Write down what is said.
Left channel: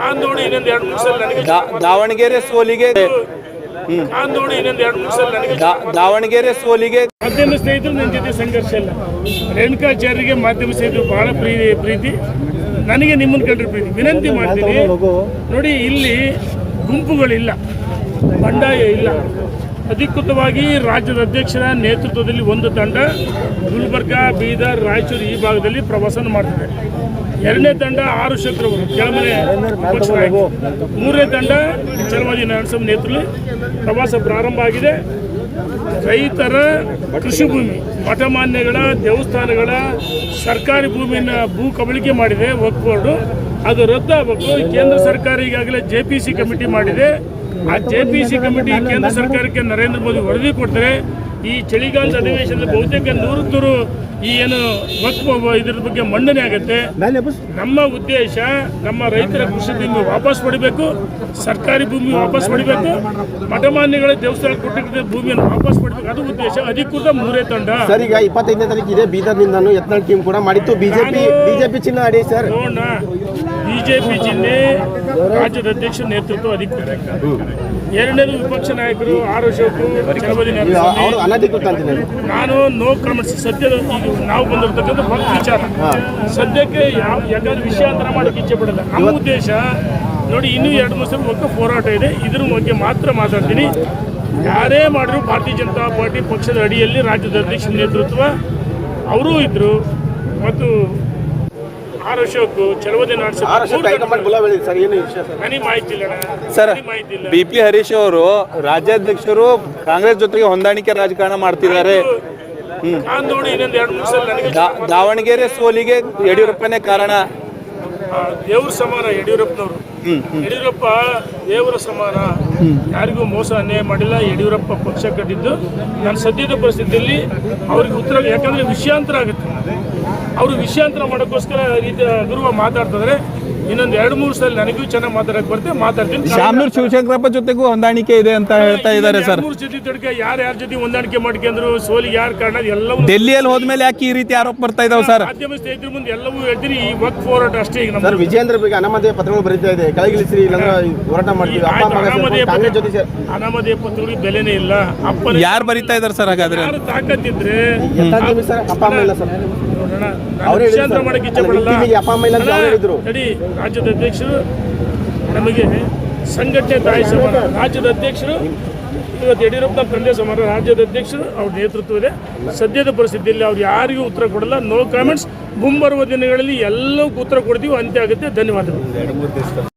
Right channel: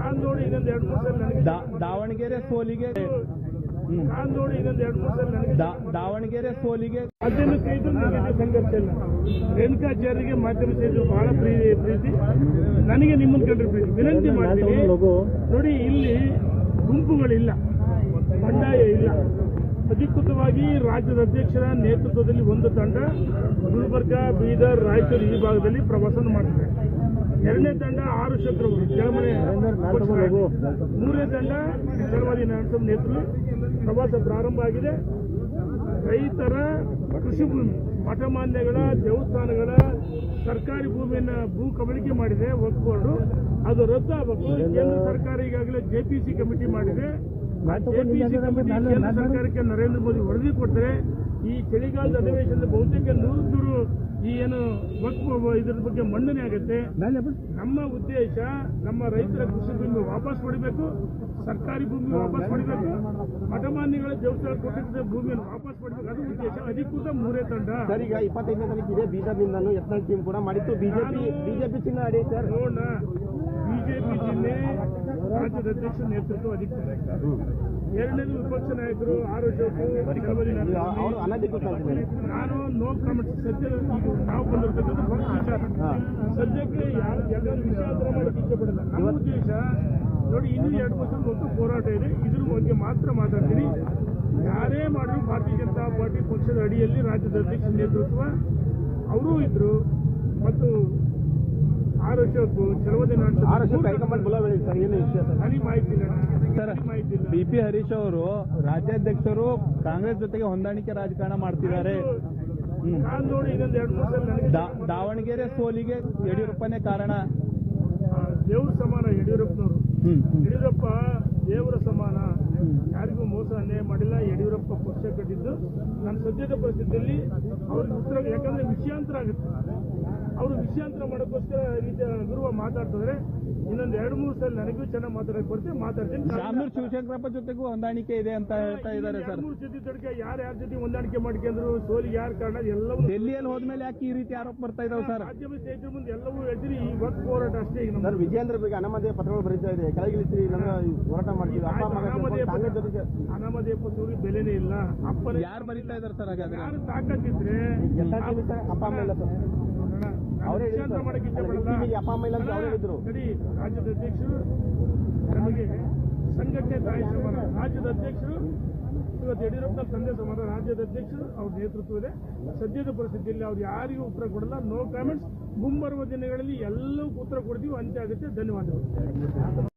ನಾನ್ ನೋಡಿ ಇನ್ನೊಂದು ಎರಡು ಮೂರು ಸಲ ನನಗೆ ದಾವಣಗೆರೆ ಸೋಲಿಗೆ ಆಂದೋಣಿ ನೋಡಿ ಇನ್ನೊಂದು ಎರಡು ಮೂರು ಸಲ ನನಗೆ ದಾವಣಗೆರೆ ಸೋಲಿಗೆ ಮಾಧ್ಯಮ ಸ್ನೇಹಿತರು ನನ್ನ ಜೊತೆ ಸಂಘರ್ಷ ಇಲ್ಲ. ರೇಣುಕಾಚಾರ್ಯರಿಗೆ ಮಾಧ್ಯಮ ಸ್ನೇಹಿತರು ಬಹಳ ಪ್ರೀತಿ ಪ್ರೀತಿ. ನನಗೆ ನಿಮ್ಮನ್ನು ಕಂಡ್ರೆ ಪ್ರೀತಿ. ವಿನಂತಿ ಮಾಡ್ತೀನಿ. ನೋಡಿ ಇಲ್ಲಿ ಗುಂಪುಗಳಿಲ್ಲ. ಬಂಡಾಯ ಇಲ್ಲ. ಅಧಿಕೃತವಾಗಿ ರಾಜ್ಯದ ಅಧ್ಯಕ್ಷರ ನೇತೃತ್ವದಲ್ಲಿ ಒಂದು ತಂಡ ಗುಲ್ಬರ್ಗಾ ಬೀದರ್ ರಾಯಚೂರು ಈ ಭಾಗದಲ್ಲಿ ಪ್ರವಾಸನ ಮಾಡ್ತಿದೆ. ಎರಡನೇ ತಂಡ ಆರು ಶತ್ರು ಕೆಳಮನೆ ಮೂರನೇ ತಂಡ ಚಲಮಾಜಿ ನರಸಿಂಹ ನೇತೃತ್ವದಲ್ಲಿ ಪ್ರವಾಸ ಪ್ರಾರಂಭ ಆಗಿದೆ. ರೈತರ ಕೃಷಿ ಭೂಮಿ ಮಠಮಾನ್ಯಗಳ ದೇವಸ್ಥಾನಗಳ ಸರ್ಕಾರಿ ಭೂಮಿಯನ್ನು ಭೂ ಕಬಳಿಕೆ ಮಾಡಿದೆ ವಕ್ಫ್ ಬೋರ್ಡು ಅದು ರದ್ದಾಗಬೇಕು ಕೇಂದ್ರ ಸರ್ಕಾರ ಈಗಾಗಲೇ ಜೆ ಪಿ ಸಿ ಕಮಿಟಿ ಮಾಡಿದೆ. ಆ ಜೆ ಪಿ ಸಿ ಕಮಿಟಿ ಕೇಂದ್ರ ಸರ್ಕಾರಕ್ಕೆ ನರೇಂದ್ರ ಮೋದಿ ವರದಿ ಕೊಡ್ತಾರೆ ಈ ಚಳಿಗಾಲದ ಅಧಿವೇಶನದಲ್ಲಿ ಬಹುತೇಕ ನೂರು ಈ ಏನು ವಕ್ಫ್ ಇದ್ರ ಬಗ್ಗೆ ಮಂಡನೆ ಆಗುತ್ತೆ. ನಮ್ಮ ಉದ್ದೇಶ ನಮ್ಮ ರೈತರ ಕೃಷಿ ಭೂಮಿ ವಾಪಸ್ ಪಡಿಬೇಕು ಸರ್ಕಾರಿ ಭೂಮಿ ವಾಪಸ್ ಪಡಿಬೇಕು ಮಠಮಾನ್ಯಗಳ ದೇವಸ್ಥಾನ ಕೊಟ್ಟಿದ್ದ ಭೂಮಿಯನ್ನು ವಾಪಸ್ ಪಡಿಬೇಕು. ಅದು ಉದ್ದೇಶ. ಅಧಿಕೃತ ಮೂರೇ ತಂಡ. ಸರ್ ಈಗ ಇಪ್ಪತ್ತೈದನೇ ತಾರೀಕು ಇದೆ ಬೀದರ್ನಿಂದನೂ ಯತ್ನಾಳ್ ಟೀಮ್ ಕೂಡ ಮಾಡಿತ್ತು. ಬಿಜೆಪಿ ಬಿಜೆಪಿ ಚಿನ್ನ ಅಡಿ ಸರ್. ನೋಡೋಣ ಬಿಜೆಪಿ ಜಿಲ್ಲೆ ರಾಜ್ಯದ ಅಧ್ಯಕ್ಷ ನೇತೃತ್ವ ಅಧಿಕೃತ. ಎರಡನೇದು ವಿಪಕ್ಷ ನಾಯಕರು ಆರ್ ಅಶೋಕ್ ಚಲಪತಿ ನಾನು ನೋ ಕ್ರಮಿಸಿ ಸದ್ಯದ ಈಗ ನಾವು ಬಂದಿರತಕ್ಕಂಥ ಒಂದು ವಿಚಾರ. ಸದ್ಯಕ್ಕೆ ಯಾವ ಯಾಕಂದ್ರೆ ವಿಷಯಾಂತರ ಮಾಡೋಕೆ ಇಚ್ಛೆ ಪಡಲ್ಲ. ನಮ್ಮ ಉದ್ದೇಶ ನೋಡಿ ಇನ್ನೂ ಎರಡು ಮೂರು ಸಲ ಒಕ್ಕ ಹೋರಾಟ ಇದೆ. ಇದ್ರ ಬಗ್ಗೆ ಮಾತ್ರ ಮಾತಾಡ್ತೀನಿ. ಯಾರೇ ಮಾಡಿದ್ರು ಭಾರತೀಯ ಜನತಾ ಪಾರ್ಟಿ ಪಕ್ಷದ ಅಡಿಯಲ್ಲಿ ರಾಜ್ಯದ ಅಧ್ಯಕ್ಷ ನೇತೃತ್ವ. ಅವರೂ ಇದ್ರು. ಮತ್ತು ಆರ್ ಅಶೋಕ್ ಸರ್ ಏನು ವಿಷಯ ಸರ್ ನನಗೆ ಮಾಹಿತಿ ಇಲ್ಲ ಸರ್ ನನಗೆ ಮಾಹಿತಿ ಇಲ್ಲ ಬಿ ಪಿ ಹರೀಶ್ ಅವರು ರಾಜ್ಯಾಧ್ಯಕ್ಷರು ಕಾಂಗ್ರೆಸ್ ಜೊತೆಗೆ ಹೊಂದಾಣಿಕೆ ರಾಜಕಾರಣ ಮಾಡ್ತಿದ್ದಾರೆ. ನಾನು ನೋಡಿ ಇನ್ನೊಂದು ಎರಡು ಮೂರು ಸಲ ನನಗೆ ದಾವಣಗೆರೆ ಸೋಲಿಗೆ ಯಡಿಯೂರಪ್ಪನೇ ಕಾರಣ. ದೇವ್ರ ಸಮಾನ ಯಡಿಯೂರಪ್ಪನವರು. ಯಡಿಯೂರಪ್ಪ ದೇವರ ಸಮಾನ. ಯಾರಿಗೂ ಮೋಸ ಅನ್ಯಾಯ ಮಾಡಿಲ್ಲ ಯಡಿಯೂರಪ್ಪ ಪಕ್ಷ ಕಟ್ಟಿದ್ದು. ನಾನು ಸದ್ಯದ ಪರಿಸ್ಥಿತಿಯಲ್ಲಿ ಅವ್ರಿಗೆ ಉತ್ತರ ಯಾಕಂದ್ರೆ ವಿಷಯಾಂತರ ಆಗುತ್ತೆ. ಅವರು ವಿಷಯಾಂತರ ಮಾಡೋಕ್ಕೋಸ್ಕರ ಈ ರೀತಿ ಗುರುವ ಮಾತಾಡ್ತಿದ್ರೆ ಇನ್ನೊಂದು ಎರಡು ಮೂರು ಸಲ ನನಗೂ ಚೆನ್ನಾಗಿ ಮಾತಾಡಕ್ಕೆ ಬರುತ್ತೆ ಮಾತಾಡ್ತೀನಿ. ಶಾಮನೂರ್ ಶಿವಶಂಕರಪ್ಪ ಜೊತೆಗೂ ಹೊಂದಾಣಿಕೆ ಇದೆ ಅಂತ ಹೇಳ್ತಾ ಇದ್ದಾರೆ ಸರ್. ಮೂರು ಜೊತೆ ತಡ್ಕ ಯಾರು ಯಾರ ಜೊತೆ ಹೊಂದಾಣಿಕೆ ಮಾಡ್ಕೊಂಡ್ರು ಸೋಲಿಗೆ ಯಾರು ಕಾರಣ ಎಲ್ಲವೂ ಡೆಲ್ಲಿಯಲ್ಲಿ ಹೋದ್ಮೇಲೆ ಯಾಕೆ ಈ ರೀತಿ ಆರೋಪ ಬರ್ತಾ ಇದಾವೆ ಸರ್? ಮಾಧ್ಯಮ ಸ್ನೇಹಿತರ ಮುಂದೆ ಎಲ್ಲವೂ ಹೇಳ್ತೀನಿ ಈ ವಕ್ ಹೋರಾಟ ಅಷ್ಟೇ ಈಗ ನಮ್ಮ ಸರ್ ವಿಜೇಂದ್ರ ಬಗ್ಗೆ ಅನಾಮಧೇಯ ಪತ್ರಗಳು ಬರೀತಾ ಇದೆ. ಕೆಳಗಿಳಿಸಿ ಇಲ್ಲಾಂದ್ರೆ ಹೋರಾಟ ಮಾಡ್ತೀವಿ. ಅಪ್ಪ ಸೇರ್ಕೊಂಡು ಕಾಂಗ್ರೆಸ್ ಜೊತೆ ಸೇರ್ ಅನಾಮಧೇಯ ಪತ್ರಗಳಿಗೆ ಬೆಲೆನೇ ಇಲ್ಲ. ಅಪ್ಪನ ಯಾರು ಬರೀತಾ ಇದಾರೆ ಸರ್ ಹಾಗಾದ್ರೆ? ಯಾರು ತಾಕತ್ತಿದ್ರೆ ಸರ್ ಅಪ್ಪ ಅಮ್ಮ ಇಲ್ಲ ಸರ್. ನೋಡೋಣ. ನಾನು ಅವ್ರು ಹೇಳಿದ್ರು ವಿಷಯಾಂತರ ಸರ್. ಮಾಡಕ್ಕೆ ಇಚ್ಛೆ ಅಲ್ಲ, ಪಡಲ್ಲ. ಟೀಮಿಗೆ ಅಪ್ಪ ಅಮ್ಮ ಇಲ್ಲ ಅಂತ ಅವ್ರು ಹೇಳಿದ್ರು. ರಾಜ್ಯದ ಅಧ್ಯಕ್ಷರು, ನಮಗೆ ಸಂಘಟನೆ ತಾಯಿ ಸಮಾನ ರಾಜ್ಯದ ಅಧ್ಯಕ್ಷರು, ಇವತ್ತು ಯಡಿಯೂರಪ್ಪ ತಂದೆ ಸಮಾನ ರಾಜ್ಯದ ಅಧ್ಯಕ್ಷರು, ಅವ್ರ ನೇತೃತ್ವದೇ ಸದ್ಯದ ಪರಿಸ್ಥಿತಿಯಲ್ಲಿ ಅವ್ರು ಯಾರಿಗೂ ಉತ್ತರ ಕೊಡಲ್ಲ. ನೋ ಕಾಮೆಂಟ್ಸ್ ಮುಂಬರುವ ದಿನಗಳಲ್ಲಿ ಎಲ್ಲವೂ ಉತ್ತರ ಕೊಡ್ತೀವಿ. ಅಂತ್ಯ ಆಗುತ್ತೆ. ಧನ್ಯವಾದಗಳು.